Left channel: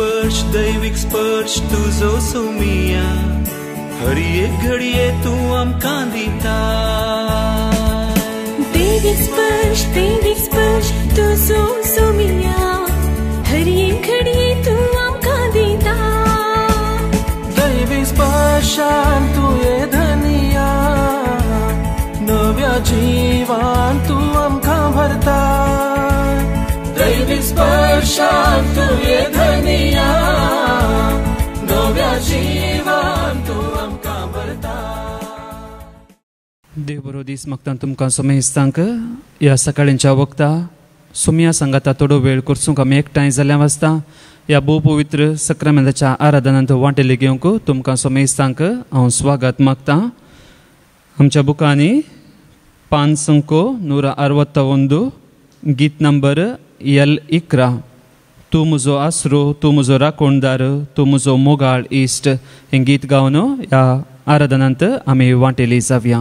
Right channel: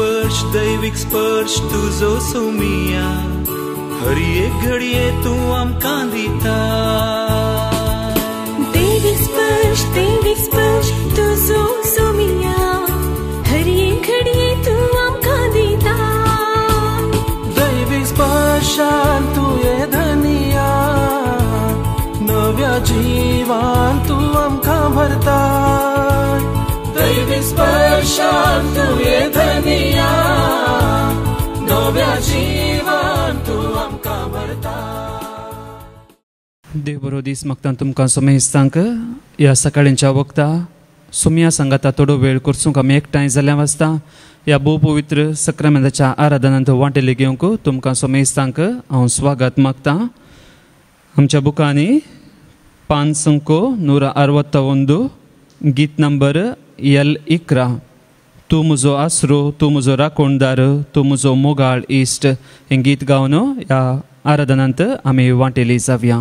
दैविक स्पर्श तुझो सोमिया हर एक घडये तू आमकां दिता दैविक स्पर्श तुझो सोमिया हर एक घडये तू आमकां दिता दैविक स्पर्शान तुये धनिया नव्या जीवान तू आमकां भरता दैविक स्पर्शान तुये धनिया नव्या जीवान तू आमकां भरता. देव बरो दीस मागता तुमकां सोमेस्तांक ह्या सकाळींच्या वखदां सुमया सांगाता थोडो वेळ करसूंक आमी एकठांय जाल्या वाजता ह्या भोव पवित्र सक्रामेंताच्या आराधनांत वांटेले घेवंक तुमकां सोमेस्तांक हांव स्वागत मागता. आमच्या बुकांनी 561 गीत नंबर L11 तू मुजो आसरो तू मुजो राखणदार तू मुजो मोगाळ इश्ट हे गीत गावन ह्या आराधनांत आमी वांटेली जावया.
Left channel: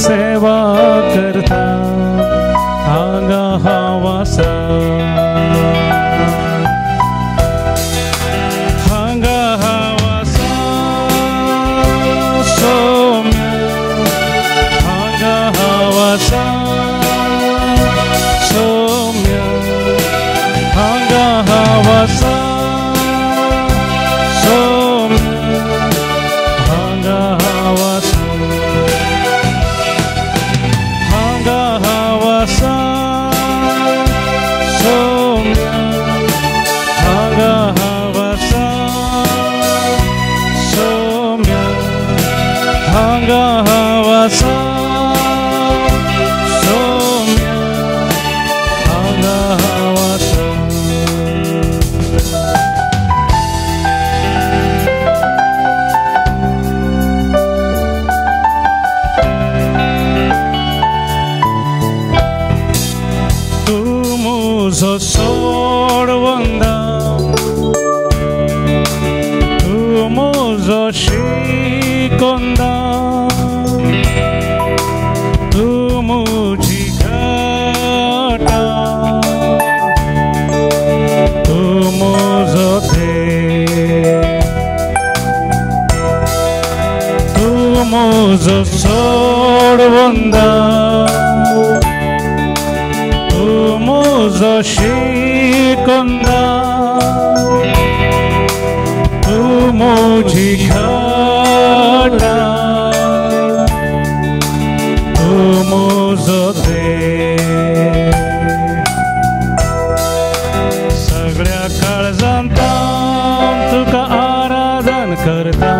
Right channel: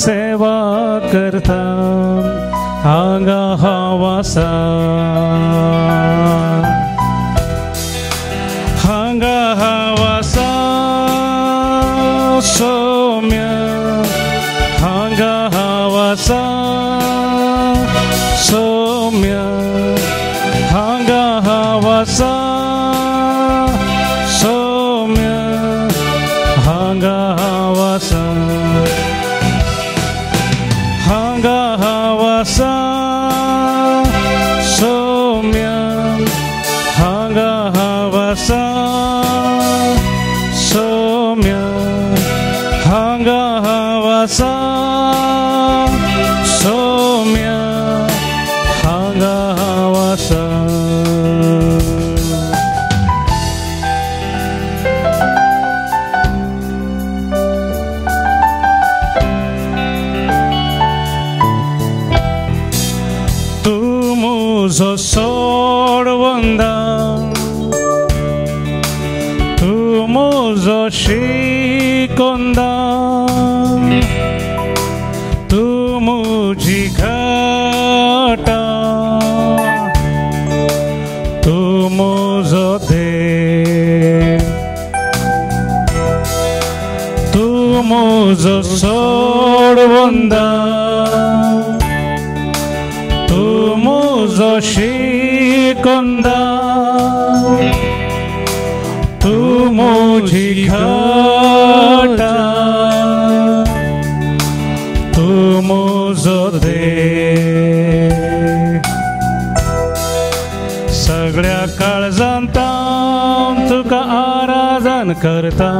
सेवा करता हांगा हावासा सोम्या हांगा हावासा सोम्या हांगा हावासा सगळ्या काळजांतान तुका आराधन करता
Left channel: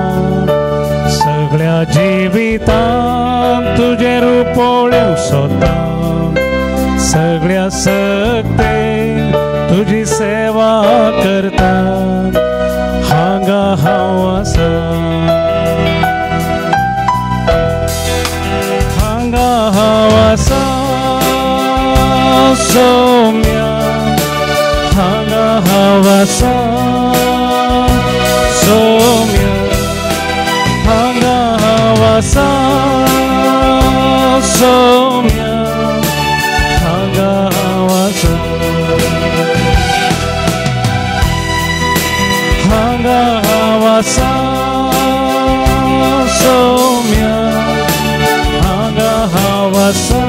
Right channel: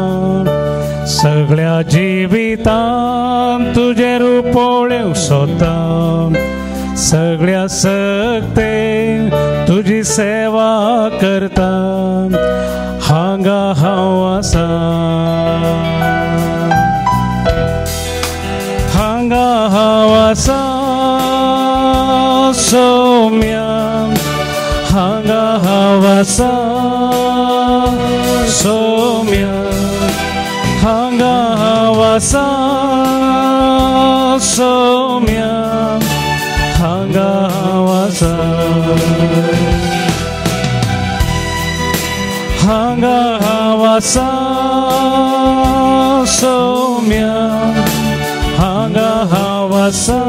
सगळ्या जिवितान तुझे रूपोळ्यो सोदता सगळ्या सक्तेन तुझी सेवा करता हांगा हांव आसा हांगा हांव आसा सोम्या हांगा हांव आसा सोम्या हांगा हांव आसा सोम्या हावासा सोम्या हांगा हावासा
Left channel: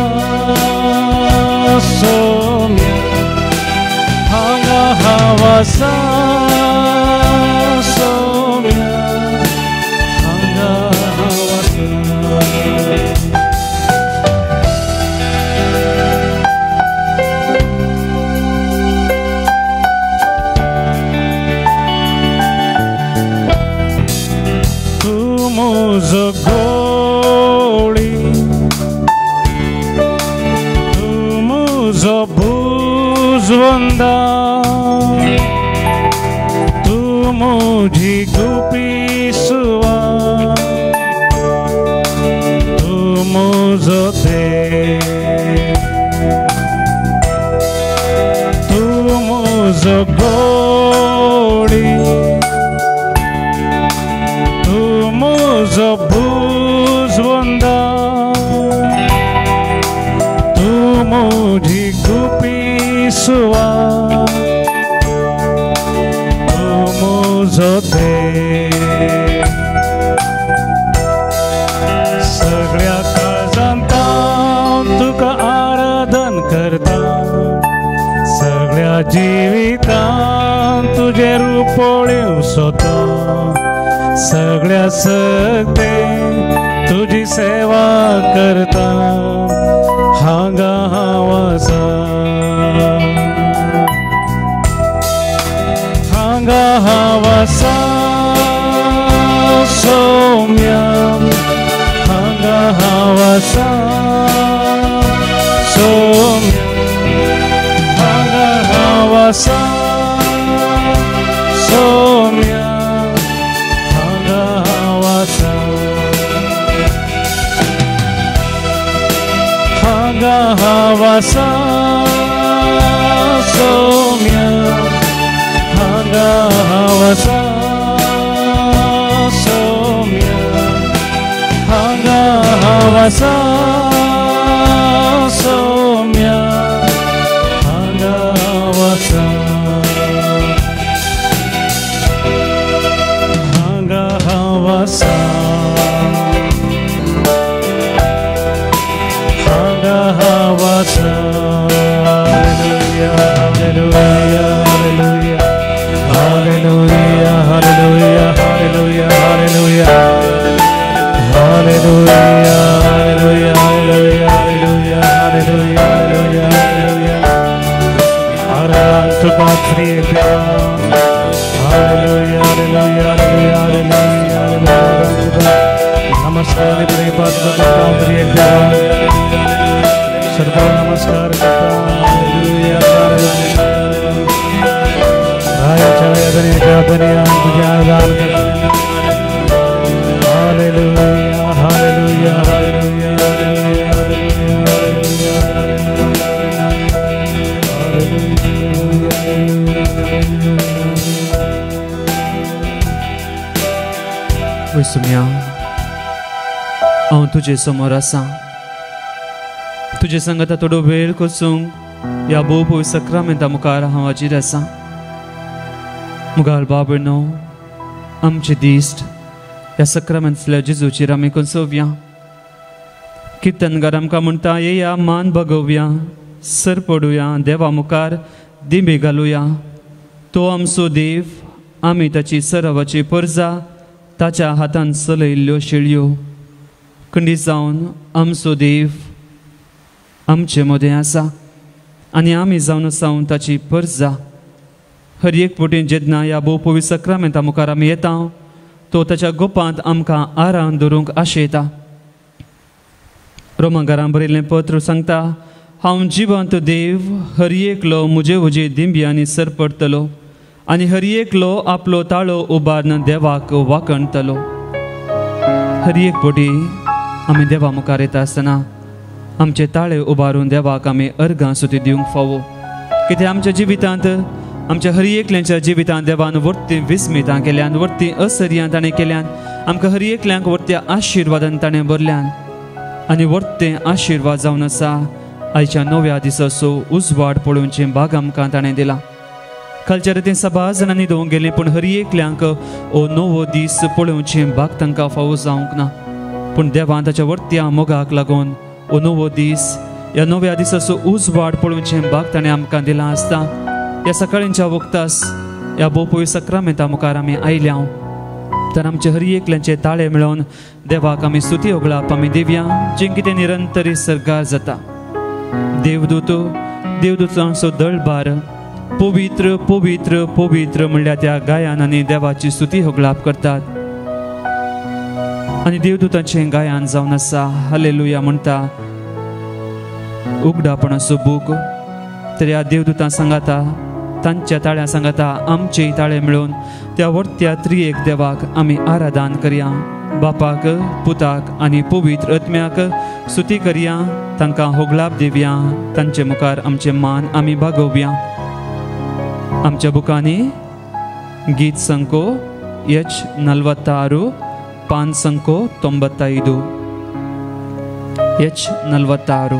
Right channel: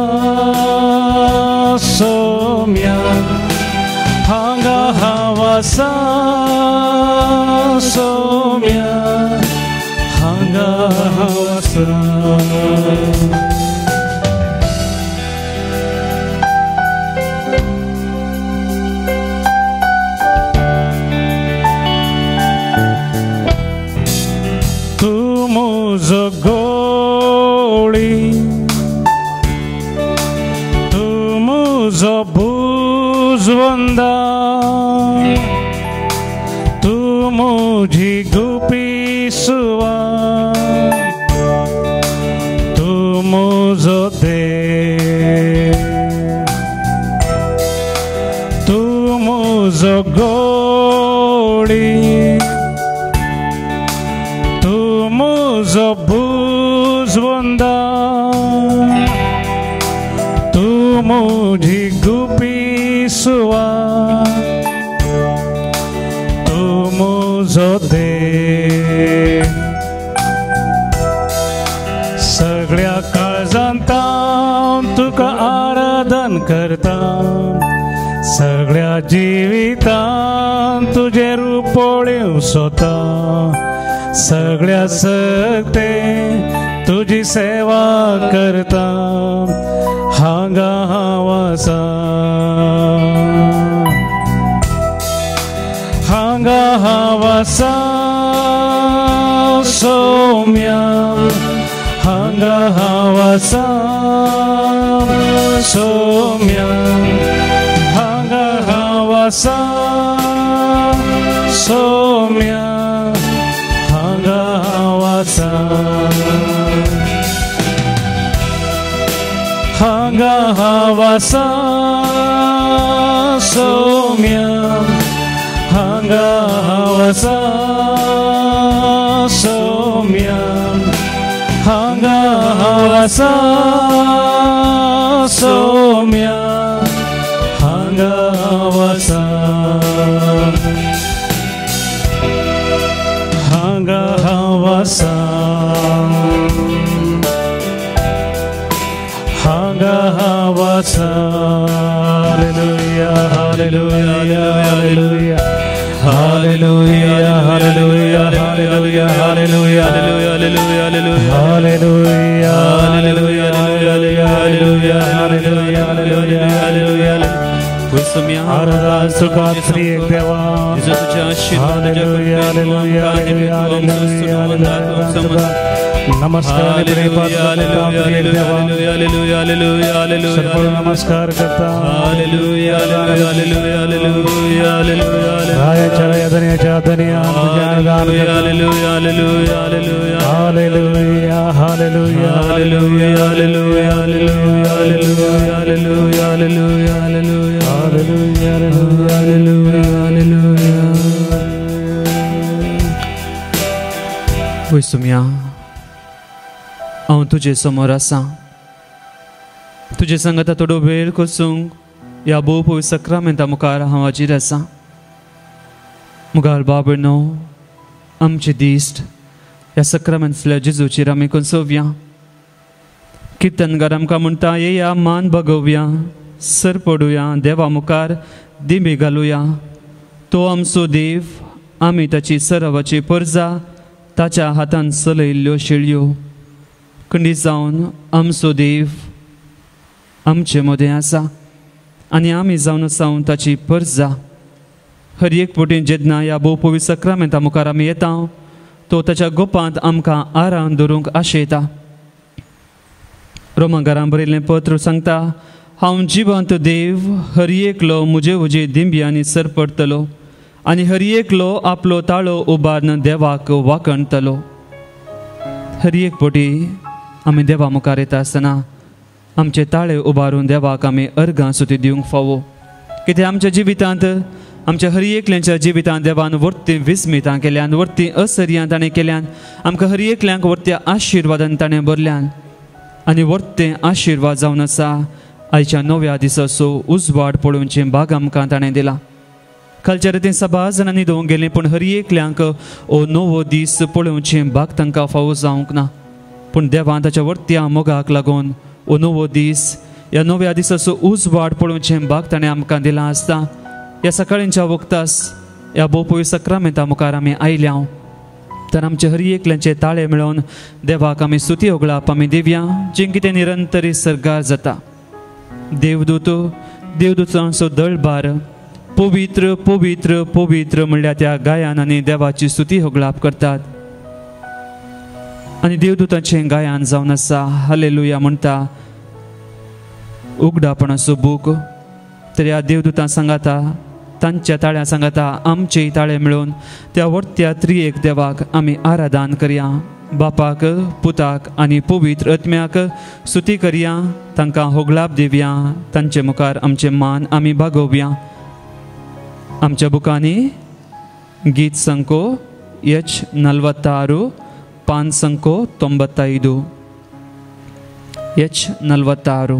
सोम्या हांगा हावासा सोम्या हांगा हावासा Zvonda tu muji gupisua tu mozode tu mozogoli tu mozobuzvonda tu muji gupisua सगळ्या काळजांतां तुका आराधन करता सगळ्या जिवितांत तुझे रुपोळ्यो सोता सगळ्या सकते तुझी सेवा करता हांगा हावासा हांगा हावासा सोम्या हांगा हावासा सोम्या हांगा हावासा सोम्या हांगा हावासा हांगा हावासा सोम्या हांगा हावासा सोम्या हांगा हावासा हांगा हावासा हांगा हावासा हालेलुया हालेलुया हालेलुया हालेलुया नमस्कार नमस्कार सुम्या हांव तुजे समोर आसा तुजे संगता थोडो वेळ कोसूंक ह्या भोव सक्रामेंता मुखार हांव हाजीर आसा मुगाल बाबणो आमचे दिश्ट ह्या सक्रामेंतल्या जेजूचेर आमी कोसोवया कीर्तनकार आमकां म्हणटा येया मान भगोवया सर पडुया देवा मुखार दिमे घालुया तो आमचो देव आमी ताची सरावाची परजा ताच्या हातान चलयल्ल्यो शेळयो कणी जावन आमचो देव आमचे मदें आसा आनी आमी जावन सावन ताची परजा हर एक फुटीन जेन्ना ह्या भोव पवित्र सक्रामेंता मुखार आमी येता तो ताच्या गोपांत आमकां आराम दवरूंक आशयता रोमांकारां बरयल्लें पत्र सांगता हांव जिवंत देव हर एकलो म्हजे उजे दिंब्यांनी सर पडटलो आनी हर एकलो आपलो ताळो उबारून देवाक वाकणतलो हर एक फावटी आमी देवा मुखार येता आसतना आमचे ताळे उबारून देवाक आमी अर्गां सुद्दां दिवंक फावो कित्याक आमच्या जिवितांत आमच्या हर एकल्याच्या जिवितांत देवान वर्ती विस्मितां केल्यान वर्ती असर्यां ताणें केल्यान आमकां हर एकल्यांक वर्त्या आशिर्वादान ताणें भरल्यान आनी वर्ते आशिर्वाद जावन आसा आयच्या नव्या दिसाचो उजवाड पळोवचें भाग आमकां ताणें दिला खालच्या रितीन सभा जाणांनी दोन गेली पण हर एकल्यांक ओ नवो दीस पळोवचे भाग तांकां फावो जावंक ना पण देवान ताच्या वर्त्या मोगाक लागून ओ नवो दीस या नव्या दिसाचो उजवाड पळोवचे भाग ताणें आमकां दिला आसता या सकाळींच्या वक्तास या बोपोय सक्रामेता मुखार आमी आयल्या तर आमचे हर एकल्यांचे ताळे मेळोवन देवाक आमी स्तुती होगळाप आमी देवया जे कितें निरंतर सर्गार जाता देवदूतांचो दळबार पवित्र पवित्र पवित्र म्हणल्यार त्या गायन आनी देवाची स्तुती होगळाप करतात आनी देवदूतांचे गायन जावन आसा हालेलुया म्हणटा उगडापणाचो बूक तर ह्या देवदूतां सांगाता तांच्या ताळ्या सांगाता आमचे ताळे मेळोवन त्या वर्त्या त्रिएक देवाक आमी आराधन करया बापाक पुताक आनी पवित्र आत्म्याक स्तुती करया तांकां होगळाप दिवया तांचे मुखार आमचे मान आमी भागोवया आमच्या बुकांनी गीत संको H 46 5 संको 95 H 46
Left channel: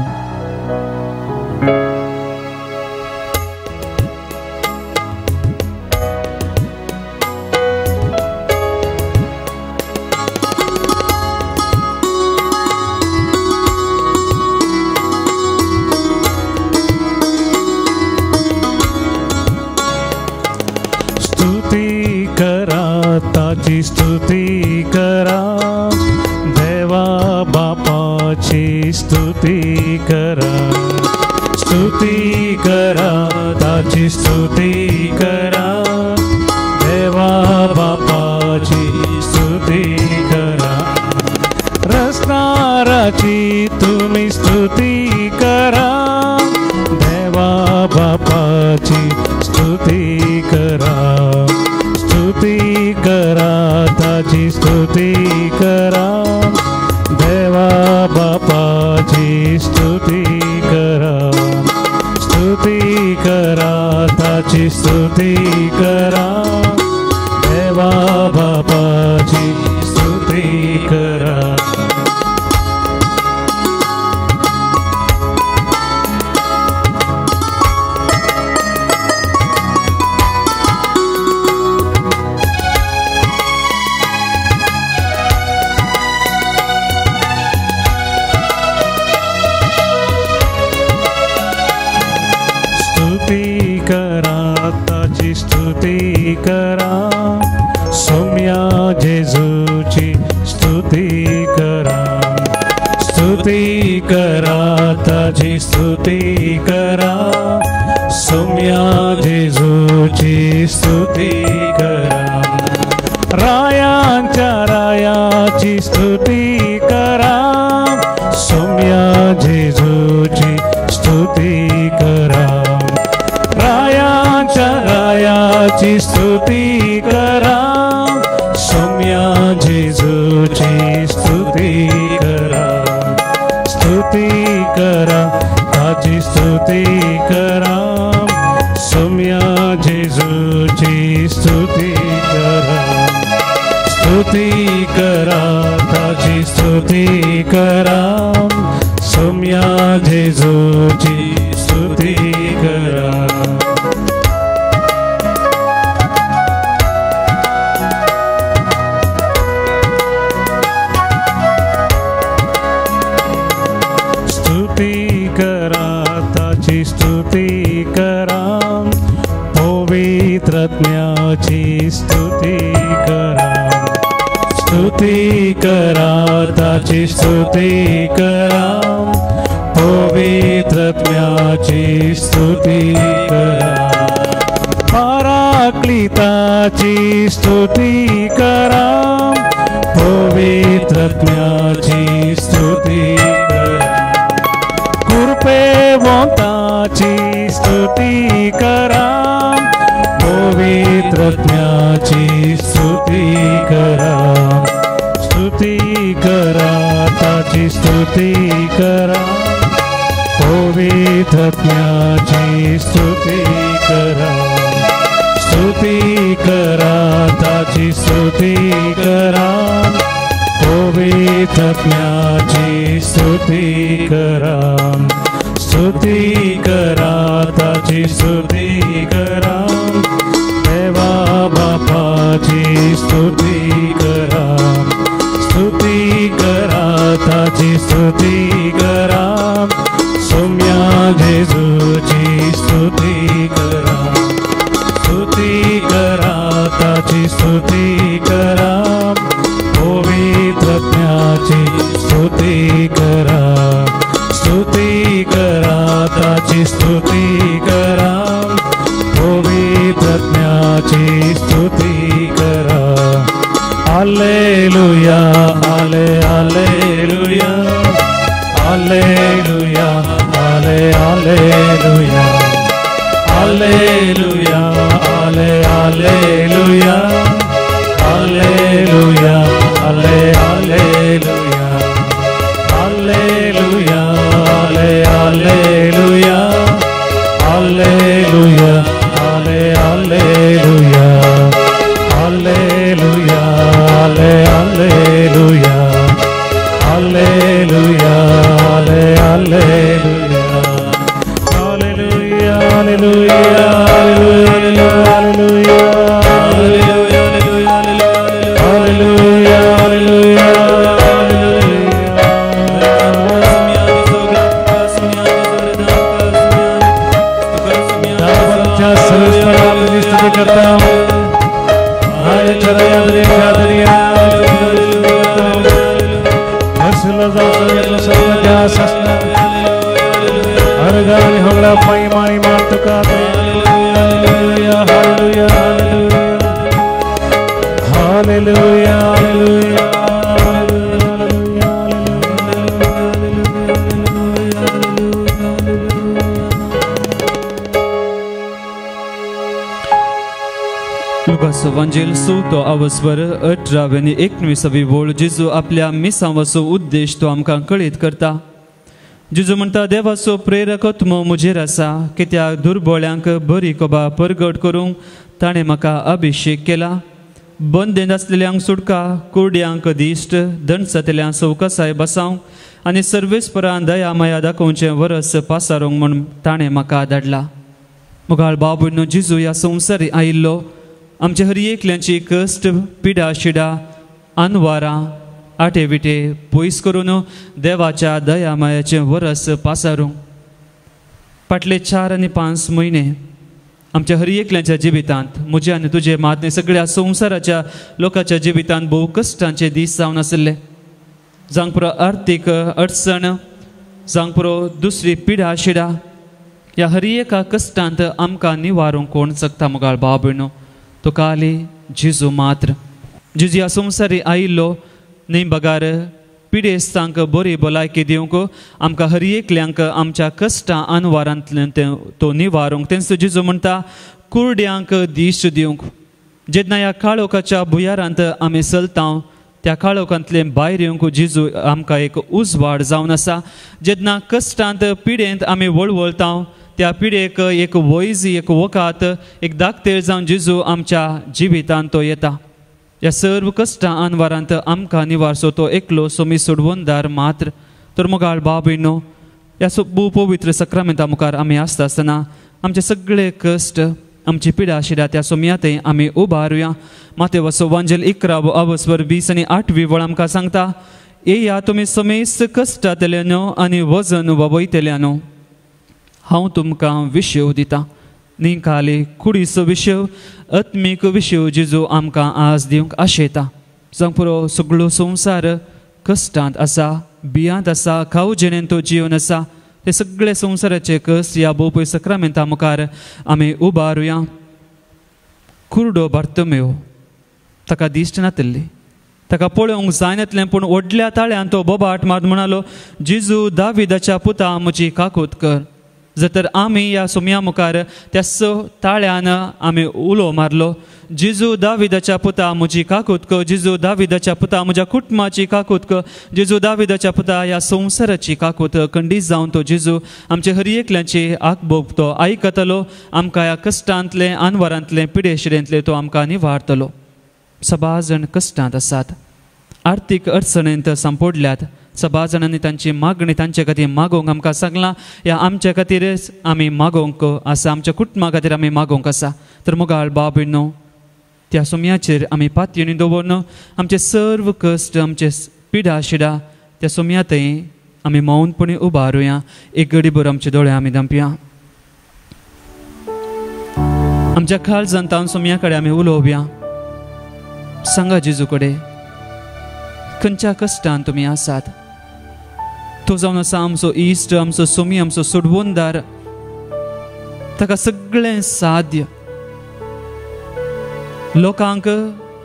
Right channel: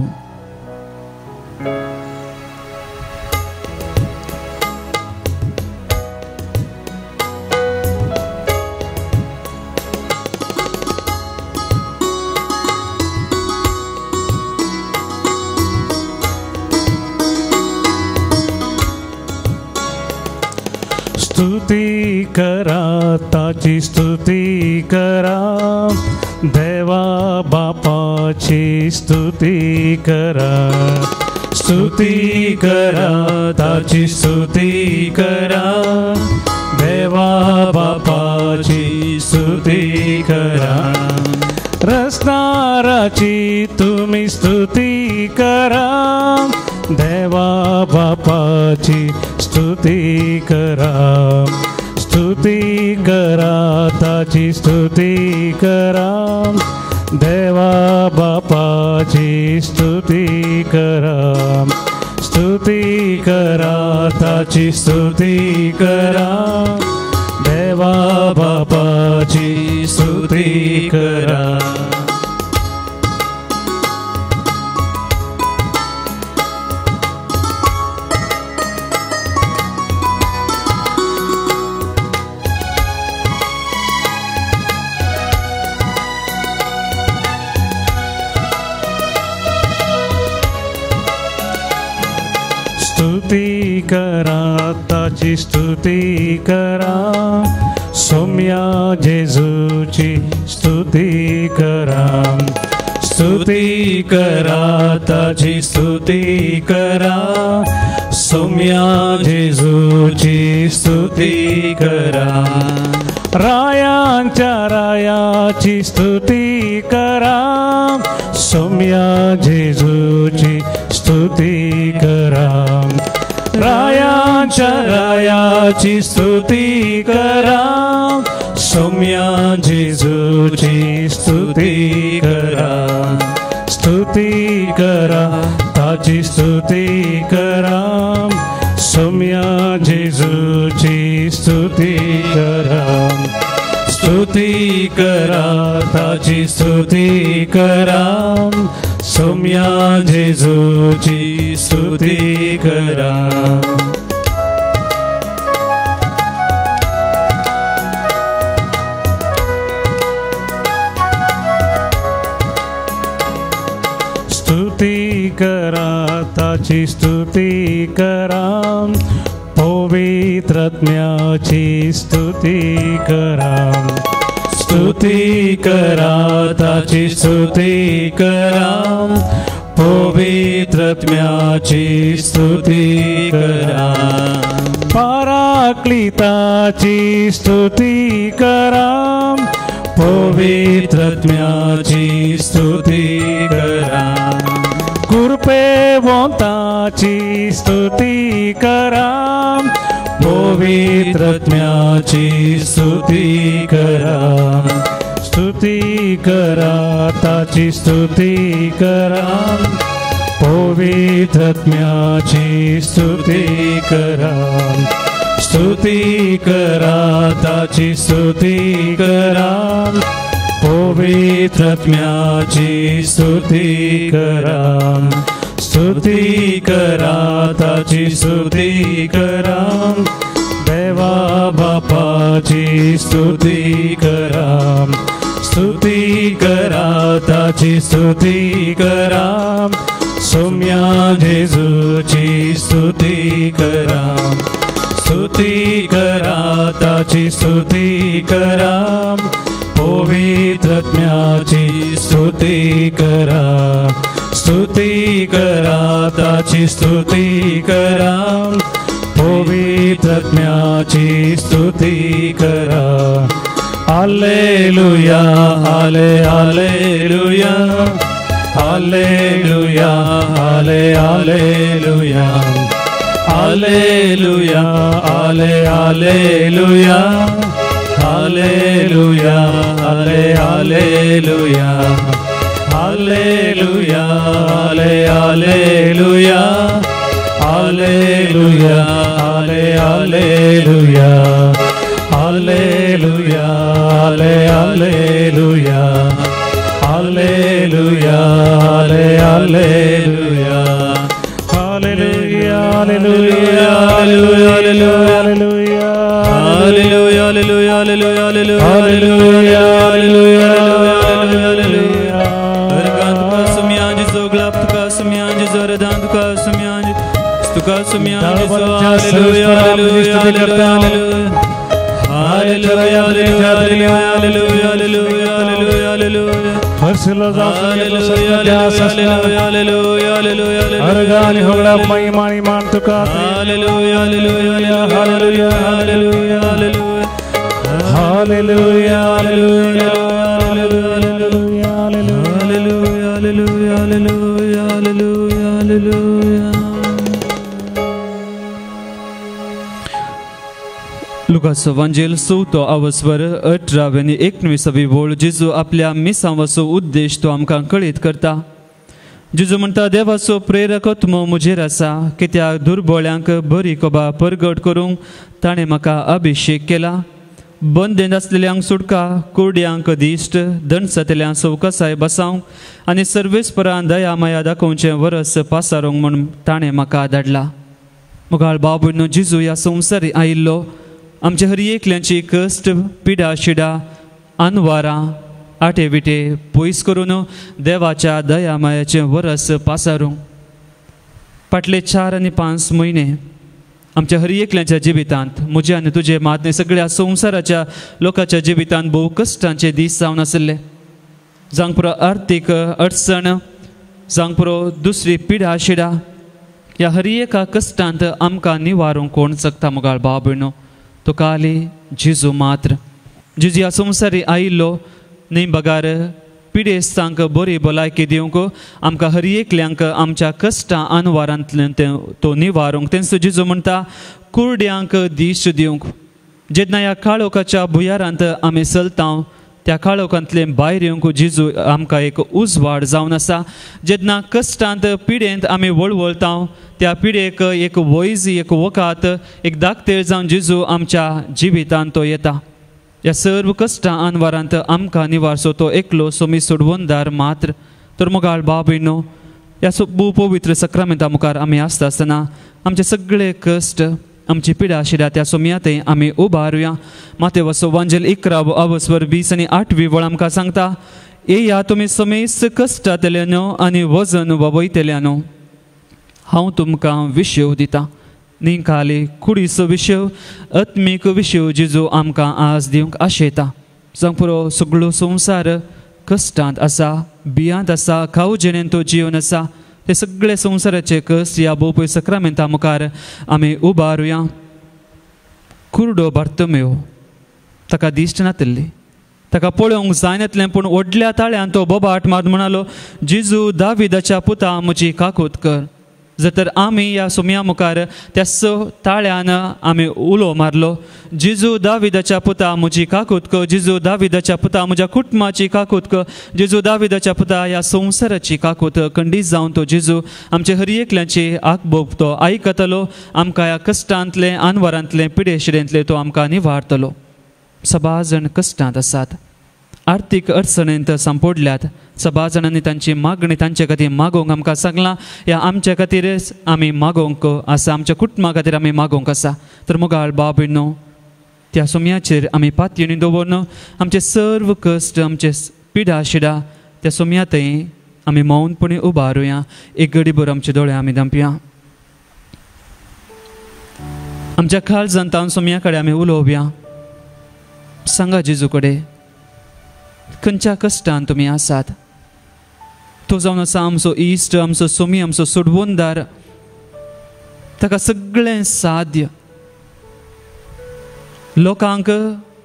स्तुती करा ताची स्तुती करा देवा बापाची स्तुती करा स्तुती करा ताची स्तुती करा देवा बापाची स्तुती करा रस्ताराची तुम्ही स्तुती करा देवा बापाची स्तुती करा स्तुती करा ताची स्तुती करा देवा बापाची स्तुती करा स्तुती करा ताची स्तुती करा देवा बापाची स्तुती करा स्तुती करा ताची स्तुती करा सौम्या जेजूची स्तुती करा स्तुती करा ताची स्तुती करा सौम्या जेजूची स्तुती करा रायांच्या रायाची स्तुती करा सौम्या जेजूची स्तुती करा रायाच्या रायाची स्तुती करा सौम्या जेजूची स्तुती करा स्तुती करा ताची स्तुती करा सौम्या जेजूची स्तुती करा स्तुती करा ताची स्तुती करा सौम्या जेजूची स्तुती करा स्तुती करा ताची स्तुती करा पवित्र आत्म्याची स्तुती करा स्तुती करा ताची स्तुती करा पवित्र आत्म्याची स्तुती करा पराक्लिताची स्तुती करा पवित्र आत्म्याची स्तुती करा कृपेवंताची स्तुती करा पवित्र आत्म्याची स्तुती करा स्तुती करा ताची स्तुती करा पवित्र आत्म्याची स्तुती करा स्तुती करा ताची स्तुती करा पवित्र आत्म्याची स्तुती करा स्तुती करा ताची स्तुती करा स्तुती करा सोम्या जेजूची स्तुती करा ताची स्तुती करा पवित्रज्ञाची स्तुती करा ताची स्तुती करा पवित्रज्ञाची स्तुती करा hallelujah hallelujah hallelujah hallelujah hallelujah hallelujah hallelujah hallelujah hallelujah hallelujah hallelujah hallelujah hallelujah hallelujah hallelujah Evangelii to आवस्वर 18 आणि 19 वोळ जिजो आपल्या मिसांचो उद्देश तो आमकां कळीत करता. जिजो म्हणटा देवाचो प्रेरकत्व म्हजेर आसा कित्याक दुर्बळ्यांक बरी कोबा परगट करूंक ताणें म्हाका अभिषेक केला. बंदेन आसलेल्यांक सुटका, कुर्ड्यांक दिश्ट, दणसतल्यांक सवकासाय बसावंक आनी सर्वेस्परां दया माया दाखोवचें वरस पासारूंक म्हूण ताणें म्हाका धाडला. मुगाळ भाव भयणो, जिजो ह्या संवसारी आयिल्लो आमच्या हर एकल्यांची कश्ट, पिडा शिडा, अनवारां, आटे विटे पयस करून देवाच्या दया मायाचें वरस पासारूंक. फाटले 4 आनी 5 म्हयने आमच्या हर एकल्यांच्या जिवितांत, म्हज्या आनी तुजे मात सगळ्या संवसाराच्या लोकांच्या जिवितांत भोव कश्टांचे दीस जावन आसले. जावंक पुरो आर्थीक अडचण, जावंक पुरो दुसरी पिडा शिडा, ह्या हर एका कश्टांत आमकां निवारूंक कोण शकता. मुगाळ भाव भयणो, तो काली जिजू मात्र जिजू ह्या संवसारी आयिल्लो न्हय बगार पिडेस्तांक बरी भलायकी दिवंक, आमकां हर एकल्यांक आमच्या कश्टां अनवारांतल्यान तो निवारूंक. तेंच जिजू म्हणटा कुर्ड्यांक दिश्ट दिवंक. जेन्ना ह्या काळोखाच्या भुयारांत आमी चलता त्या काळोखांतले भायर येवंक जिजू आमकां एक उजवाड जावन आसा. जेन्ना कश्टांत पिडेंत आमी वळवळता त्या पिडेक एक वैजी, एक वकात, एक दाखतेळ जावन जिजू आमच्या जिवितांत तो येता. ह्या सर्व कश्टां अनवारांत आमकां निवारचो तो एकलो सोमी सोडवणदार मात्र. तर मुगाळ भाव भयणो, ह्या पवित्र सक्रामेंता मुखार आमी आसता आसतना आमचे सगळे कश्ट, आमची पिडा शिडा त्या सोमयातय आमी उबारुया. मातेवाचो वांजेल 11 आवस्वर 20 आनी 8 वळ आमकां सांगता, येया तुमी समेस्त कश्टांतल्यानो आनी वजन वयतल्यानो, हांव तुमकां विशेव दिता. निखाले कुडीचो विशेव, आत्मीक विशेव जिजू आमकां आज दिवंक आशेता. जावं पुरो सगळो संवसार कश्टांत आसा, भियांत आसा, खाऊ जेणेन तो जीवन आसा. हे सगळे संवसाराचे कश्ट ह्या भोवपय सक्रामेंता मुखार आमी उबारुया. कुर्डो बार्तोमेव, ताका दिश्ट नातल्ली, ताका पळोवंक जायनातलें, पूण व्हडल्या ताळ्यान तो बोबाट मात म्हणालो, जिजू दाविदाच्या पुता म्हजी काकूत कर. जर आमी ह्या सोम्या मुखार त्या ताळ्यान आमी उलो मारलो, जिजू दाविदाच्या पुता म्हजी काकूत कर, जिजू दाविदाच्या पुता म्हज्या कुटुंबाची काकूत कर, जिजू दाविदाच्या पुता ह्या संवसाराची काकूत खंडीत जावन तो जिजू आमच्या हर एकल्यांची आकबोक तो आयकतलो. आमकां ह्या कश्टांतले, अनवरांतले, पिडे शिडेंतले तो आमकां निवारतलो. सभा जाण कश्टांत आसात, आर्थीक अडचणेंत सांपोडल्यात. सभा जाणांनी तांची मागणी तांचे खातीर मागोवंक आमकां सांगलां. ह्या आमच्या खातीरच आमी मागोवंक आसा, आमच्या कुटुंबा खातीर आमी मागोवंक आसा. तर मुगाळ भाव भयणो, त्या सोम्याचेर आमी पातयेणी दवरून आमचे सर्व कश्ट, आमचे पिडा शिडा त्या सोम्यातय आम्ही मौनपणे उभारूया. एक घडीभर आमचे दोळे आम्ही धांपया. आमच्या काळजांत सुमयाकडे आम्ही उलोवया. सांगा जेजूकडे खंयच्या कश्टान तुम्ही आसात. तो जावन आसा आमचो इश्ट, आमचो सुमी, आमचो सोडवणदार. ताका सगळें साध्य. लोकांक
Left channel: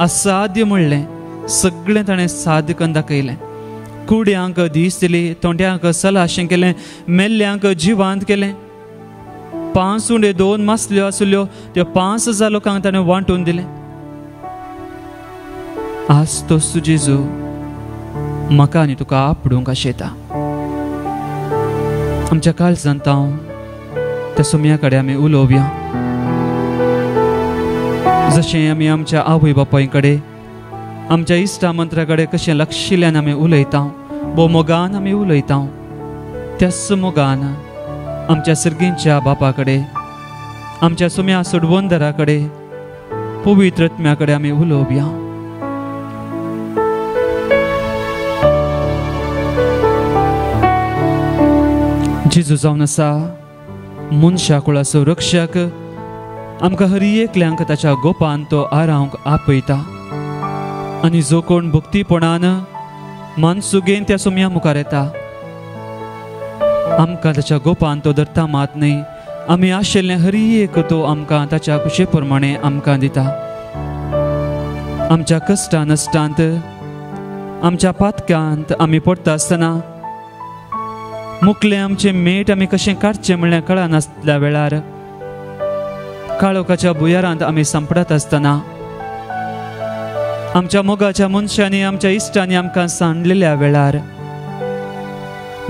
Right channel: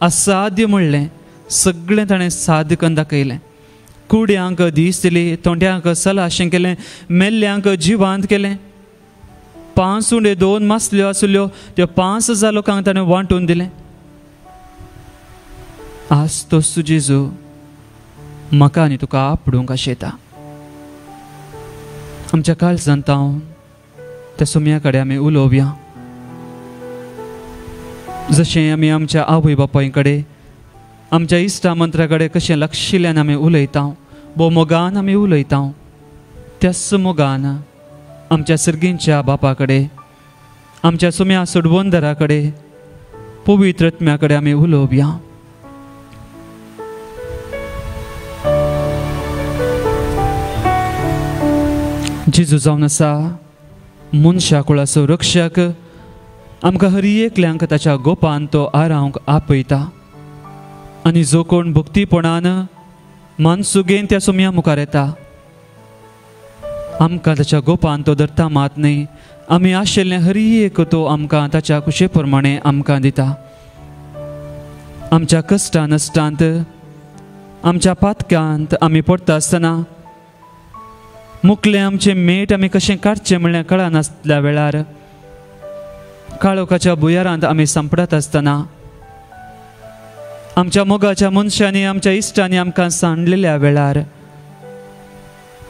असाध्य म्हणलें सगळें ताणें साध्य करून दाखयलें. कुड्यांक धीस दिली, तोंड्यांक सलाशें केलें, मेल्ल्यांक जिवांत केलें. 5 उंडे 2 मासल्यो आसल्यो त्यो 5000 लोकांक ताणें वांटून दिलें. आज तोच तूं जेजू म्हाका आनी तुका आपडूंक आशेता. आमच्या काळजांत त्या सुमया आमी उलोवया. जशें आमी आमच्या आवय बापाय कडेन आमच्या इश्टा मंत्र्या कडेन कशें लक्षिल्ल्यान आमी उलयता, भोव मोगान आमी उलयता, त्याच मोगान आमच्या सर्गींच्या बापा कडेन, आमच्या सुम्या सोडवणदारा कडेन, पवित्र आत्म्या कडेन आमी उलोवया. जेजू जावन आसा मनशा कुळाचो रक्षक. आमकां हर एकल्यांक ताच्या गोपान तो आरावंक आपयता. आनी जो कोण भक्तीपणान मानसुगेन त्या सुम्या मुखार येता, आमकां ताच्या गोपान तो धरता मात न्ही. आमी आशिल्लें हर एक तो आमकां ताच्या कुशे प्रमाणे आमकां दिता. आमच्या कश्टा नश्टांत, आमच्या पातक्यांत आमी पडटा आसतना मुखलें आमचें मेट आमी कशें काडचें म्हणलें कळनासल्या वेळार, काळोखाच्या भुयारांत आमी सांपडात आसतना, आमच्या मोगाच्या मनशांनी आमच्या इश्टांनी आमकां सांडलेल्या वेळार,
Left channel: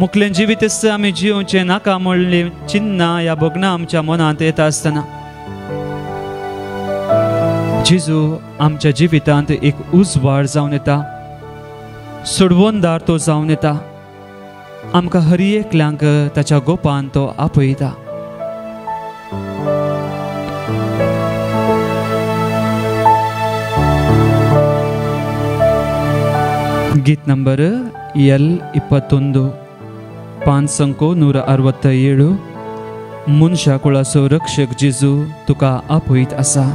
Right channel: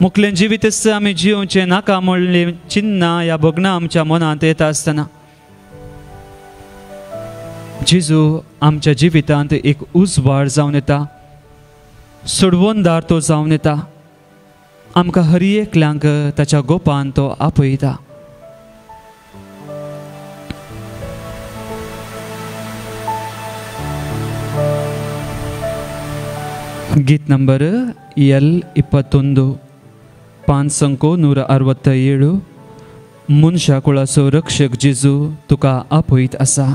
मुखलें जिवीत आमी जिवचें नाका म्हणलें चिन्ना ह्या भोगणां आमच्या मनांत येता आसतना जेजू आमच्या जिवितांत एक उजवाड जावन येता, सोडवणदार तो जावन येता. आमकां हर एकल्यांक ताच्या गोपान तो आपयता. गीत नंबर L21 567 मनशा कुळाचो रक्षक जेजू तुका आपयत आसा.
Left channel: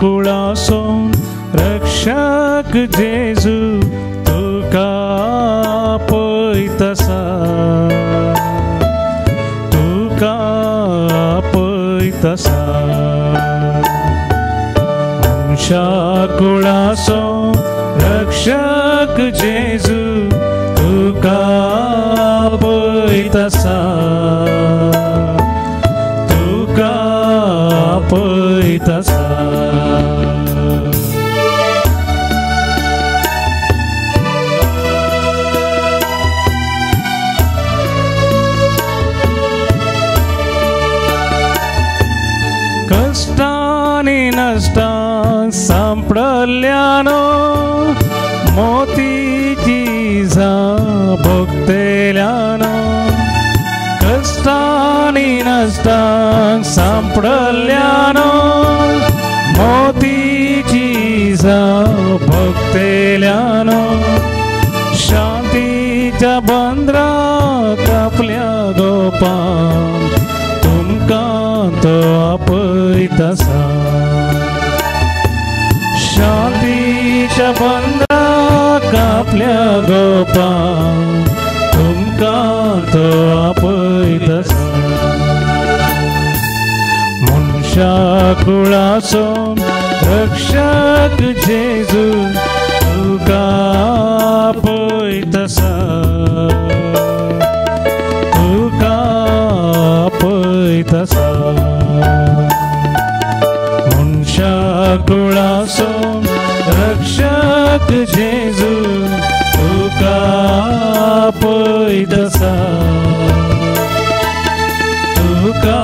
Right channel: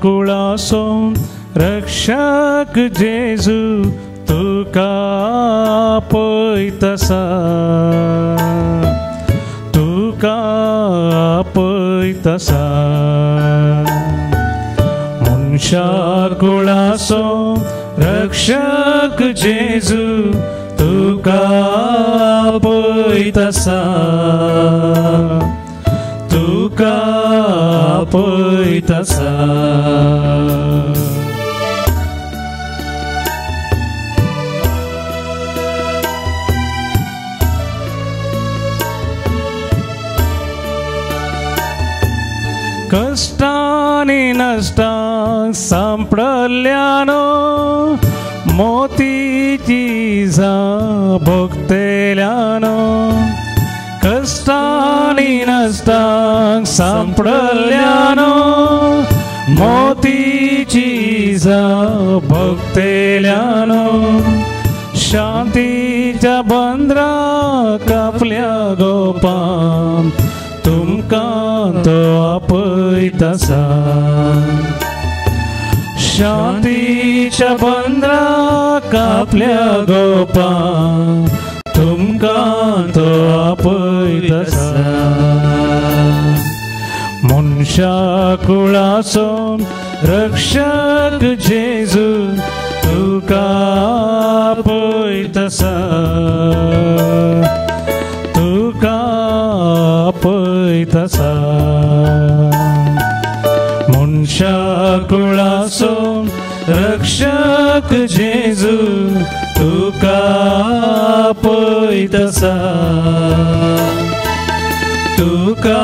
कुळाचो रक्षक जेजू तुका आपयत आसा. तुका आपयत आसा. मनशा कुळाचो रक्षक जेजू तुका आपयत आसा. तुका आपयत आसा. कष्टानी नष्टा सांपडल्यानो मोतीची जा भोगतेल्यानो. कष्टानी नष्टा सांपडल्यानो मोतीची जा भोगतेल्यानो. शांतीच्या बंदरा कापल्या गोपा तुमकां तो आपयत आसा. शांतीच्या बंदरा कापल्या गोपा तुमकां तो आपयत आसा. मनशा कुळाचो रक्षक जेजू तुका आपयत आसा. तुका आपयत आसा. मनशा कुळाचो रक्षक जेजू तुका आपयत आसा. तुका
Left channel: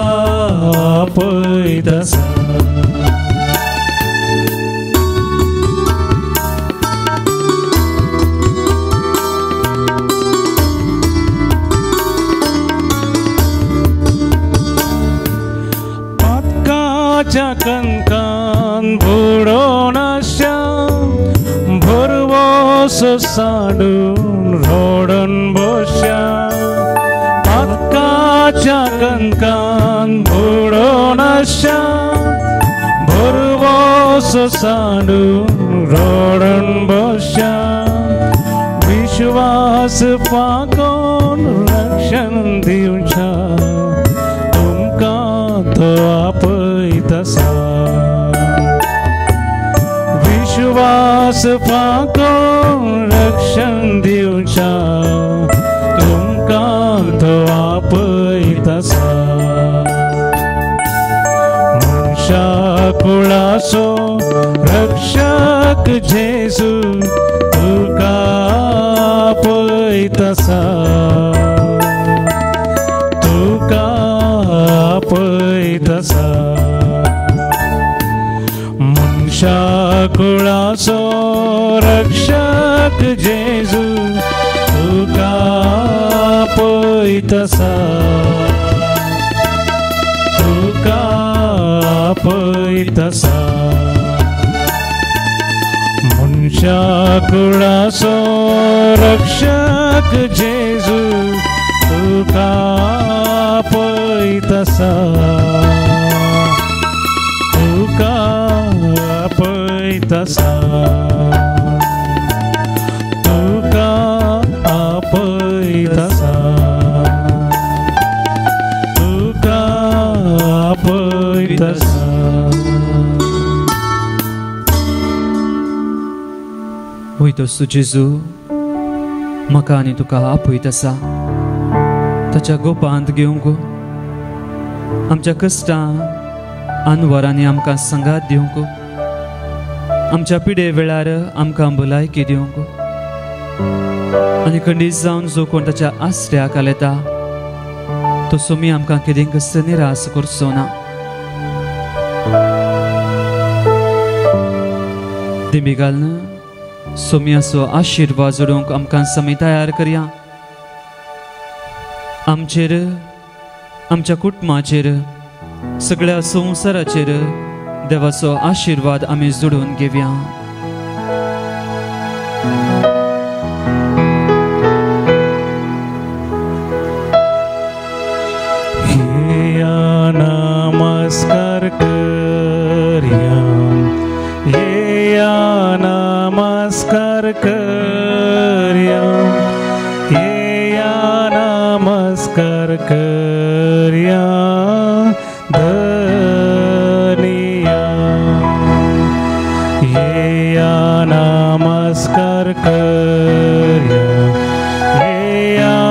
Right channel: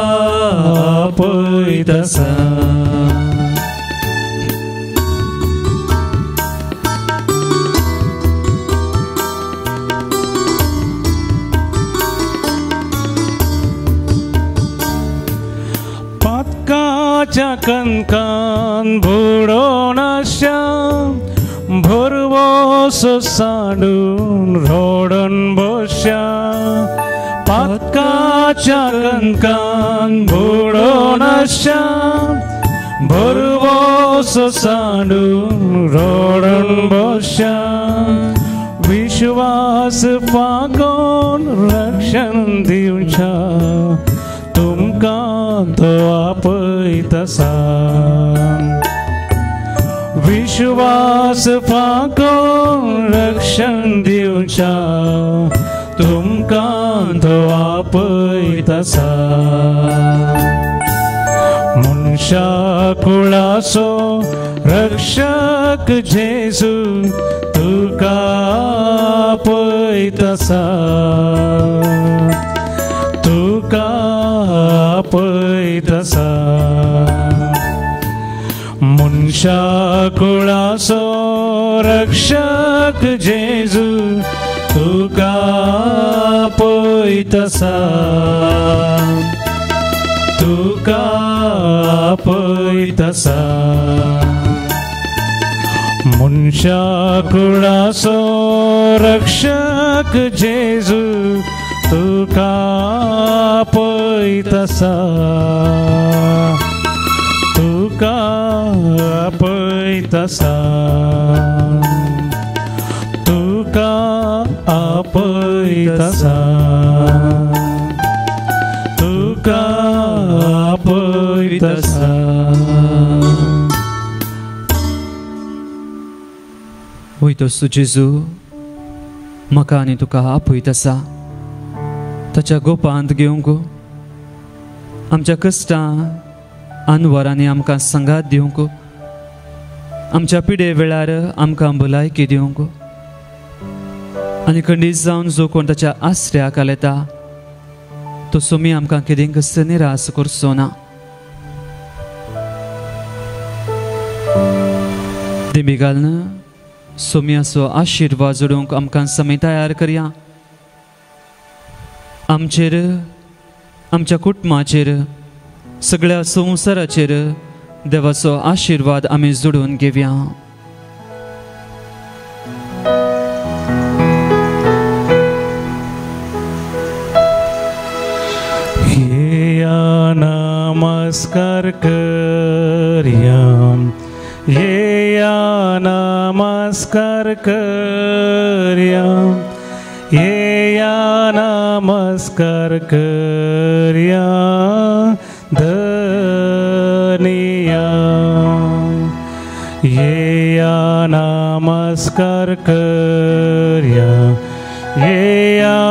सोसाडून रोडून बसया पक्काच्या कणकान बुडून आशा बरवो सोसाडून रोडून बसया विश्वास पागोन रक्षण दिवच्या तुमकां तो आपयतसा विश्वास पागोन रक्षण दिवच्या तुमकां तो आपयतसा मनशा कुळाचो रक्षक जेजू तुका आपयतसा तुका आपयतसा मनशा कुळाचो रक्षक जेजू तुका आपयतसा तुका आपयतसा मनशा कुळाचो रक्षक जेजू तुका आपयतसा तुका आपयतसा तुका आपयतसा तुका आपयतसा वयतोस तूं जेजू म्हाका आनी तुका आपयतसा ताच्या गोपांत घेवंक आमच्या कश्टां आनी वरांनी आमकां संगात दिवंक आमच्या पिडे वेळार आमकां भलायकी दिवंक आनी खंडीत जावन जो कोण ताच्या आश्रयाक आलेता तो सोमी आमकां कितें कस निराश करचो ना दिमी घालन सोम्याचो आशिर्वाद जोडूंक आमकां समी तयार करया आमचेर आमच्या कुटुंबाचेर सगळ्या संवसाराचेर देवाचो आशिर्वाद आमी जोडून घेवया नमस्कार करया येया नमस्कार करया येया नमस्कार करया धनिया येया नमस्कार करया येया